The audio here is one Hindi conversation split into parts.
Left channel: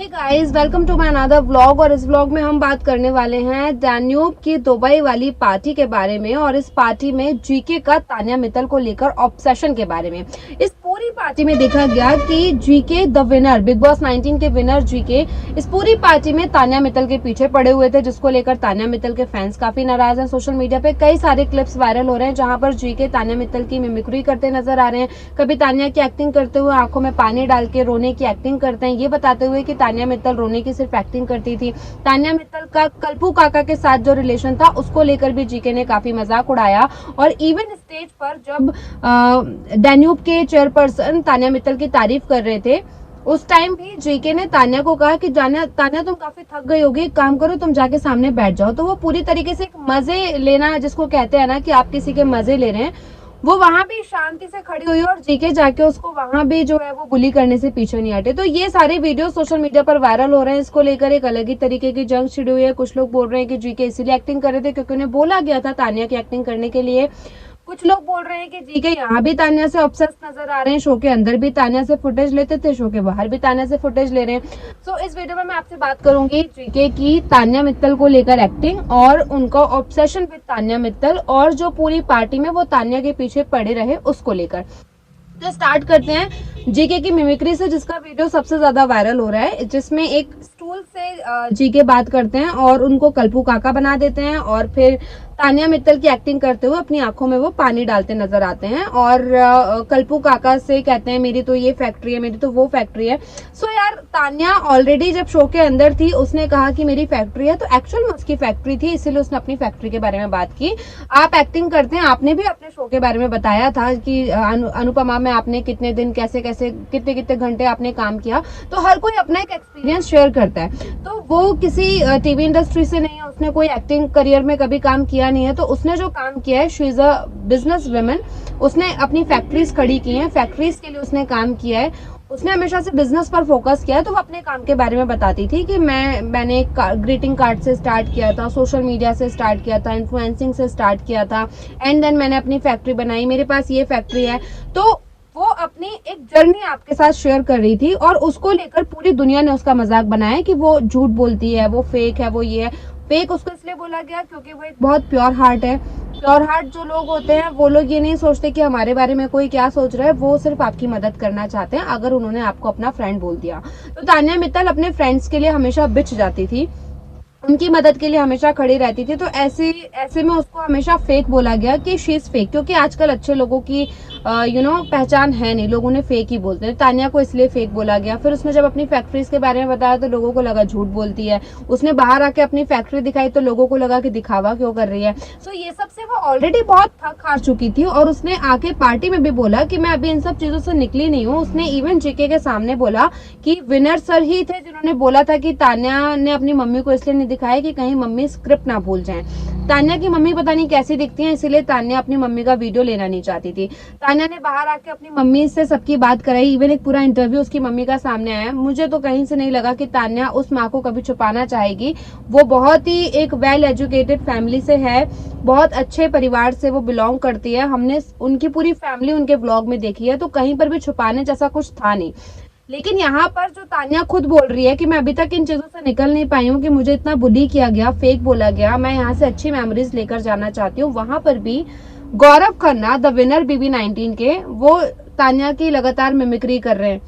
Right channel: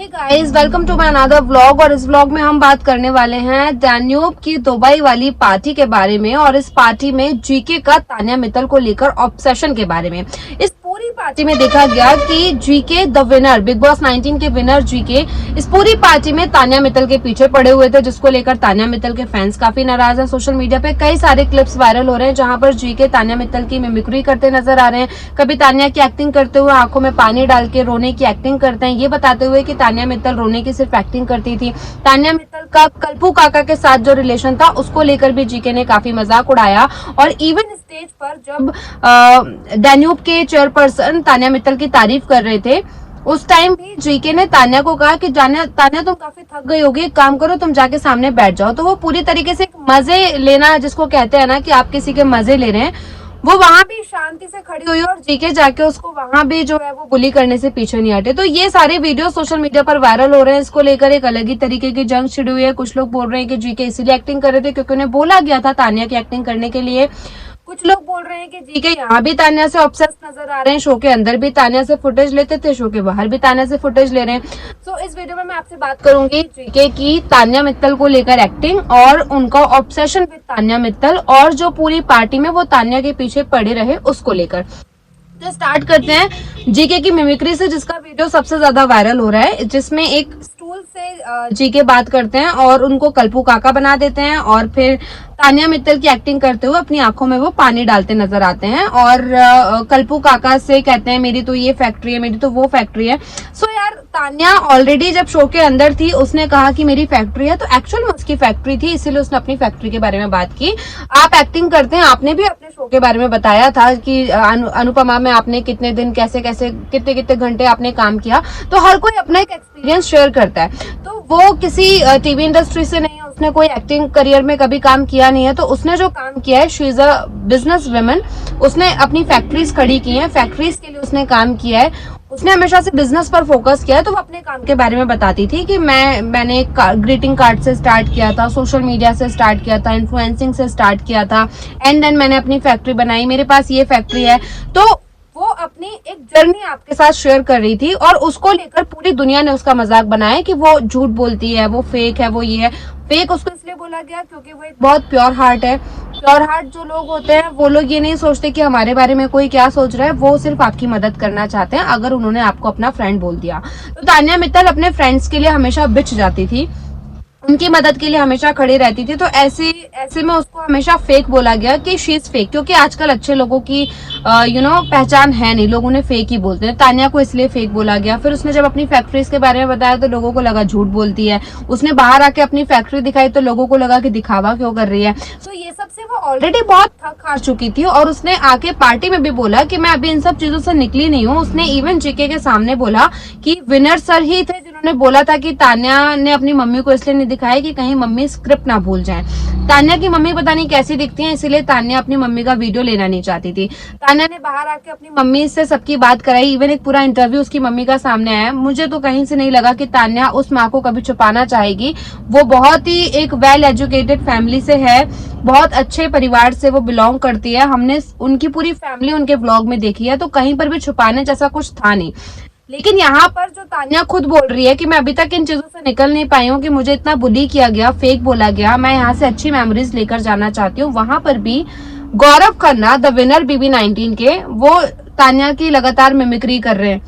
Hey guys, welcome to my another vlog. और इस व्लॉग में हम बात करने वाले हैं डैन्यूब की दुबई वाली पार्टी के बारे में और इस पार्टी में जीके का तान्या मित्तल को लेकर ऑब्सेशन के बारे में। इस पूरी पार्टी में देखा गया कि GK the winner, big boss 19 के विनर जीके इस पूरी पार्टी में तान्या मित्तल के पीछे पड़े हुए थे, जिसको लेकर तान्या मित्तल के फैंस काफी नाराज हैं। सोशल मीडिया पे कई सारे क्लिप्स वायरल हो रहे हैं जहां पर जीके तान्या मित्तल की मिमिक्री करते नजर आ रहे हैं। कभी तान्या की एक्टिंग करते हुए आंखों में पानी डाल के रोने की एक्टिंग करते हैं, ये बताते हुए कि तान्या मित्तल रोने की सिर्फ एक्टिंग करती थी। तान्या मित्तल का कल्पू काका के साथ जो रिलेशन था उसको लेकर भी जीके ने काफी मजाक उड़ाया। और इवन स्टेज पर जब डैन्यूब के चेयरपर्सन तान्या मित्तल की तारीफ कर रहे थे, उस टाइम भी जीके ने तान्या को कहा कि तान्या तुम काफी थक गई होगी, एक काम करो तुम जाके सामने बैठ जाओ। तो वो पूरी तरीके से मजे लेना जिसको कहते हैं ना कि आप किसी के मजे ले रहे हैं, वो वहां भी शांति से खड़ी हुई और जीके जाके उसको वहां भी जो है वो बुली करने से पीछे नहीं हटे। तो ये सारे वीडियो सोशल मीडिया पर वायरल हो रहे हैं। इसको लेकर एक अलग ही तरीके की जंग छिड़ी हुई है। कुछ लोग बोल रहे हैं कि जीके इसीलिए एक्टिंग कर रहे थे क्योंकि उन्हें बोला गया था तान्या की एक्टिंग करने के लिए। कुछ लोग बोल रहे हैं कि जीके यहाँ भी तान्या से ऑब्सेस नजर आ रहे हैं, शो के अंदर भी तान्या से फुटेज लेते थे, शो के बाहर भी तान्या से फुटेज ले रहे हैं। सो इस वीडियो में मैं आपसे बात करूंगी जीके की तान्या मित्तल को लेकर एक्टिंग और उनका ऑब्सेशन विद तान्या मित्तल और जो पूरी पार्टी में वो तान्या के पीछे पड़े रहे उसको लेकर। तो स्टार्ट करते हैं जीके की मिमिक्री से, जिसका वीडियो सबसे ज्यादा वायरल हो रहा है, जिसमें एक स्टूल से जीके बात करते हैं और उनको कल्पू काका बना देते हैं और फिर तान्या मित्तल की एक्टिंग करते हुए अपनी आंखों में वो पानी डालते नजर आते हैं और कल्पू काका से कहते हैं मेरी तो ये फैक्ट्री है, मेरी तो वो फैक्ट्री है। सो यार, तान्या ऑलरेडी जब शो के अंदर थी उसने कहा कि मेरी फैक्ट्री है, तो एक्चुअल में उसकी फैक्ट्री थी, इसीलिए उसने अपनी फैक्ट्री के बारे में बात की। आप एक्टिंग करते हैं, आपने भी अपने शो के बारे में बताया था कि अनुपमा में आपने कितने दिन कैसे कैसे कितने कितने घंटे आपने काम किया। तो हर कोई अपना एक एक्सपीरियंस शेयर करता है। तो वो किसी टीवी इंडस्ट्री से नहीं है, उसने कोई एक्टिंग करियर में कभी काम किया नहीं है। तो उसने जो काम किया है, she is a business woman, उसने अपनी फैक्ट्रीज खड़ी की है, फैक्ट्रीज के लिए उसने काम किया है, उसने हमेशा से बिजनेस पर फोकस किया है। तो वो अपने काम के बारे में बताती थी कि मैंने ग्रीटिंग कार्ड से स्टार्ट किया था, सोशल मीडिया से स्टार्ट किया था, इन्फ्लुएंसिंग से स्टार्ट किया था, एंड देन मैंने अपनी फैक्ट्री बनाई, मेरे पास ये फैक्ट्री है। तो वो अपनी एक जर्नी आपके साथ शेयर कर रही थी और उसको लेकर पूरी दुनिया ने उसका मजाक बनाया कि वो झूठ बोलती है, वो फेक है, वो ये है। फेक उसको इसलिए बोला गया क्योंकि वो एक बहुत प्योर हार्ट है। प्योर हार्ट जो लोग होते हैं वो लोग ये नहीं सोचते कि हमारे बारे में कोई क्या सोच रहा है, वो सिर्फ आपकी मदद करना चाहते हैं अगर उन्होंने आपको अपना फ्रेंड बोल दिया। तो तान्या मित्तल अपने फ्रेंड्स के लिए हमेशा बिछ जाती थी, उनकी मदद के लिए हमेशा खड़ी रहती थी। तो ऐसे में उसको हमेशा फेक बोला गया कि शी इज फेक, क्योंकि आजकल अच्छे लोगों की पहचान है नहीं, लोग उन्हें फेक ही बोलते हैं। तान्या को इसलिए फेक बोला गया। फिर उसने जब अपनी फैक्ट्रीज के बारे में बताया तो लोगों को लगा झूठ बोलती है। उसने बाहर आके अपनी फैक्ट्री दिखाई तो लोगों को लगा कि दिखावा क्यों कर रही है। तो ये सब से वो ऑलरेडी बहुत थक हार चुकी थी और उसने आके पार्टी में भी बोला कि मैं अभी इन सब चीजों से निकली नहीं हूँ। उसने इवन जीके के सामने बोला कि विनर सर ही थे जिन्होंने बोला था कि तान्या ने अपनी मम्मी को इसलिए नहीं दिखाया कि कहीं मम्मी स्क्रिप्ट ना भूल जाए। तान्या की मम्मी पता नहीं कैसी दिखती है, इसीलिए तान्या अपनी मम्मी का वीडियो लेना नहीं चाहती थी। तान्या ने बाहर आके अपनी मम्मी से सबकी बात कराई, इवन एक पूरा इंटरव्यू उसकी मम्मी का सामने आया। मुझे तो कहीं से नहीं लगा कि तान्या उस माँ को कभी छुपाना चाहेगी। वो बहुत ही एक वेल एजुकेटेड फैमिली से है, बहुत अच्छे परिवार से वो बिलोंग करती है। हमने उनकी पूरी फैमिली उनके व्लॉग में देखी है, तो कहीं पर भी छुपाने जैसा कुछ था नहीं। लेकिन यहाँ पर जो तान्या खुद बोल रही है कि मैं अभी तक इन चीजों से निकल नहीं पाई हूँ, कि मुझे इतना बुली किया गया, फेक बोला गया, मैं यहाँ से अच्छी मेमोरीज लेकर जाना चाहती हूँ। वहां पर भी Gaurav Khanna the winner BB 19 के, वो तान्या की लगातार मिमिक्री कर रहे हैं।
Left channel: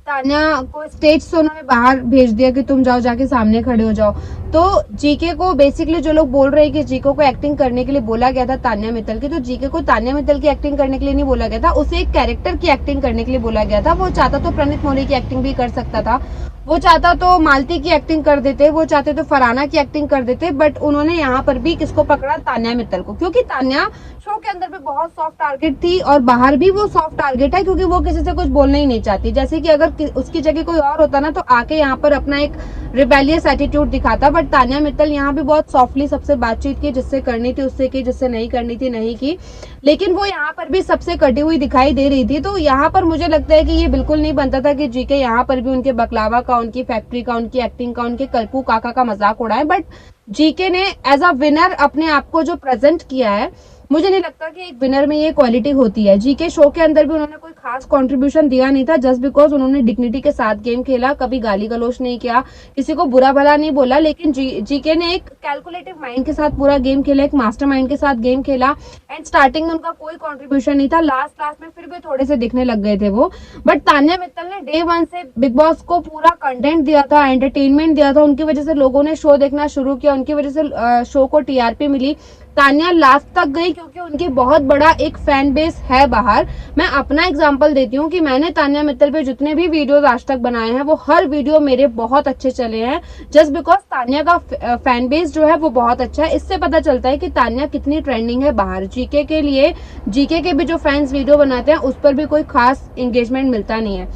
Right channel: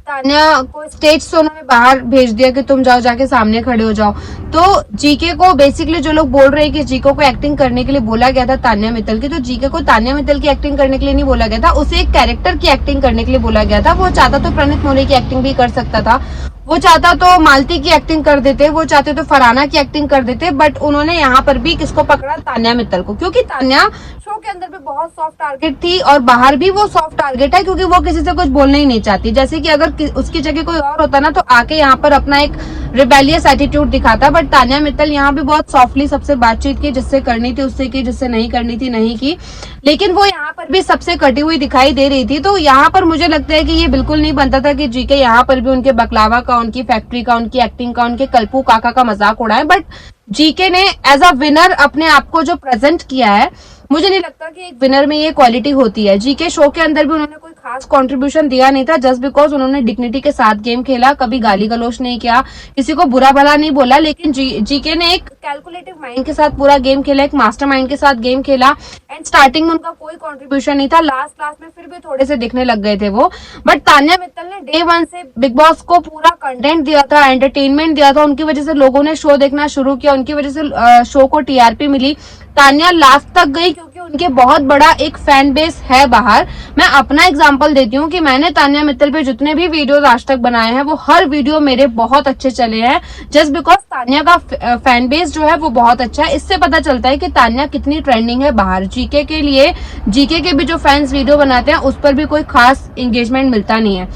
तान्या को स्टेज से उन्होंने बाहर भेज दिया कि तुम जाओ, जाके सामने खड़े हो जाओ। तो जीके को बेसिकली जो लोग बोल रहे हैं कि जीके को एक्टिंग करने के लिए बोला गया था तान्या मित्तल की, तो जीके को तान्या मित्तल की एक्टिंग करने के लिए नहीं बोला गया था, उसे एक कैरेक्टर की एक्टिंग करने के लिए बोला गया था। वो चाहता तो प्रणीत मोरे की एक्टिंग भी कर सकता था, वो चाहता तो मालती की एक्टिंग कर देते, वो चाहते तो फरहाना की एक्टिंग कर देते, बट उन्होंने यहाँ पर भी किसको पकड़ा? तान्या मित्तल को, क्योंकि तान्या शो के अंदर भी बहुत सॉफ्ट टारगेट थी और बाहर भी वो सॉफ्ट टारगेट है, क्योंकि वो किसी से कुछ बोलना ही नहीं चाहती। जैसे कि अगर उसकी जगह कोई और होता ना तो आके यहाँ पर अपना एक रिबेलियस एटीट्यूड दिखाता, बट तान्या मित्तल यहाँ भी बहुत सॉफ्टली सबसे बातचीत की, जिससे करनी थी उससे की, जिससे नहीं करनी थी नहीं की। लेकिन वो यहाँ पर भी सबसे कटी हुई दिखाई दे रही थी। तो यहाँ पर मुझे लगता है कि ये बिल्कुल नहीं बनता था कि जीके यहाँ पर भी उनके बकलावा का, उनकी फैक्ट्री का, उनकी एक्टिंग का, उनके कल्पू काका का मजाक उड़ाए। बट जीके ने एज अ विनर अपने आप को जो प्रेजेंट किया है, मुझे नहीं लगता कि एक विनर में ये क्वालिटी होती है। जीके शो के अंदर भी उन्होंने कोई खास कंट्रीब्यूशन दिया नहीं था, जस्ट बिकॉज उन्होंने डिग्निटी के साथ गेम खेला, कभी गाली गलौज नहीं किया, किसी को बुरा भला नहीं बोला, लेकिन जीके ने एक कैलकुलेटिव माइंड के साथ पूरा गेम खेला, एक मास्टर माइंड के साथ गेम खेला। एंड स्टार्टिंग में उनका कोई कंट्रीब्यूशन नहीं था, लास्ट में फिर भी थोड़े से दिखने लग गए थे वो। बट तान्या मित्तल ने डे 1 से बिग बॉस को पूरा कंटेंट दिया था, एंटरटेनमेंट दिया था, उनकी वजह से लोगों ने शो देखना शुरू किया, उनकी वजह से शो को टीआरपी मिली। तान्या लास्ट तक गई क्योंकि उनके बहुत बड़ा एक फैन बेस है बाहर। मैं अपना एग्जांपल देती हूँ कि मैंने तान्या मित्तल पे जितने भी वीडियोस आज तक बनाए हैं वो हर वीडियो मेरे बहुत अच्छे चले हैं, जस्ट बिकॉज तान्या का फैन बेस जो है वो बहुत अच्छा है। इससे पता चलता है कि तान्या कितनी ट्रेंडिंग है बाहर। जीके के लिए, जीके के भी जो फैंस वीडियो बनाते हैं उस पर भी कोई खास एंगेजमेंट मिलता नहीं है।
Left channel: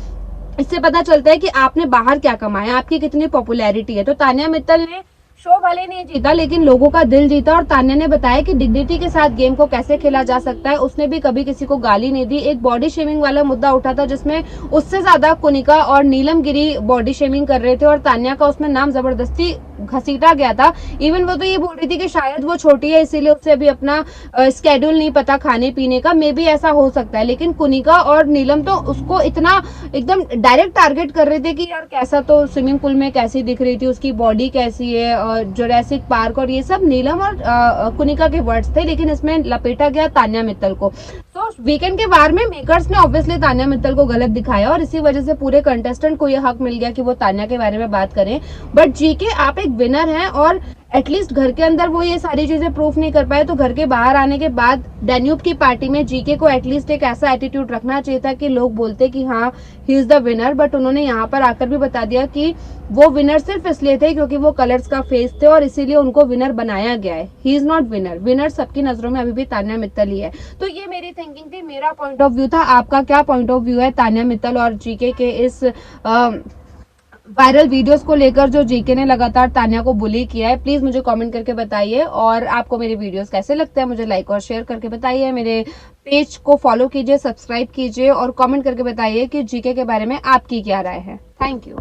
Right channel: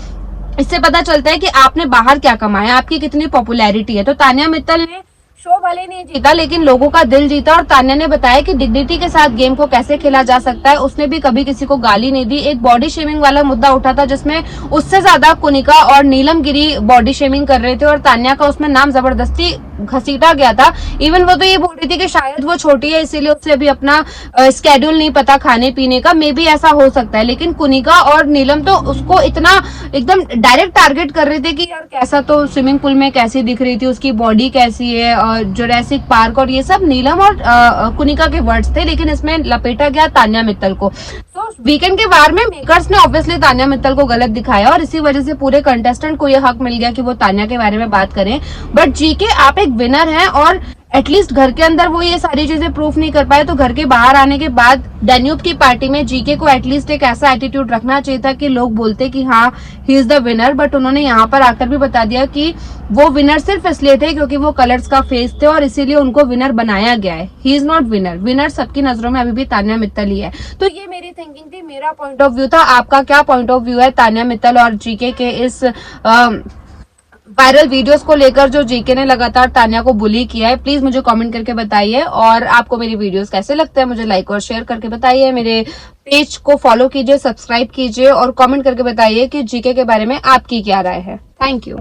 इससे पता चलता है कि आपने बाहर क्या कमाया, आपकी कितनी पॉपुलैरिटी है। तो तान्या मित्तल ने शो भले नहीं जीता लेकिन लोगों का दिल जीता, और तान्या ने बताया कि डिग्निटी के साथ गेम को कैसे खेला जा सकता है। उसने भी कभी किसी को गाली नहीं दी। एक बॉडी शेमिंग वाला मुद्दा उठा था जिसमें उससे ज्यादा कुनिका और नीलम गिरी बॉडी शेमिंग कर रहे थे और तान्या का उसमें नाम जबरदस्ती घसीटा गया था। इवन वो तो ये बोल रही थी कि शायद वो छोटी है इसीलिए उससे अभी अपना स्केड्यूल नहीं पता खाने पीने का, मे बी ऐसा हो सकता है। लेकिन कुनिका और नीलम तो उसको इतना एकदम डायरेक्ट टारगेट कर रहे थे कि यार कैसा, तो स्विमिंग पूल में कैसी दिख रही थी, उसकी बॉडी कैसी है, और जुरासिक पार्क, और ये सब नीलम और कुनिका के वर्ड्स थे, लेकिन इसमें लपेटा गया तान्या मित्तल को। तो वीकेंड के वार में मेकर्स ने ऑब्वियसली तान्या मित्तल को गलत दिखाया और इसी वजह से पूरे कंटेस्टेंट को यह हक मिल गया कि वो तान्या के बारे में बात करें। बट जीके आप एक विनर हैं और एटलीस्ट घर के अंदर वो ये सारी चीजें प्रूफ नहीं कर पाए, तो घर के बाहर आने के बाद डैन्यूब की पार्टी में जीके को एटलीस्ट एक ऐसा एटीट्यूड रखना चाहिए था कि लोग बोलते कि हाँ he is the winner. But उन्होंने यहाँ पर आकर भी बता दिया कि वो विनर सिर्फ इसलिए थे क्योंकि वो कलर्स का फेस थे और इसीलिए उनको विनर बनाया गया है। He is not winner. Winner सबकी नजरों में अभी भी तान्या मित्तल ही है। तो ये मेरी थिंकिंग थी, मेरा पॉइंट ऑफ व्यू था। आपका क्या पॉइंट ऑफ व्यू है तान्या मित्तल और जीके के इस वायरल वीडियोस को लेकर जो जीके ने लगातार तान्या को बुली किया है? प्लीज मुझे कमेंट करके बताइए। और आपको मेरी वीडियोस कैसे लगते हैं मुझे लाइक और शेयर करके बताइए। मेरे पेज को फॉलो कीजिए, सब्सक्राइब कीजिए और कमेंट करके बताइए कि जीके के बारे में आपकी क्या राय है। Thank you.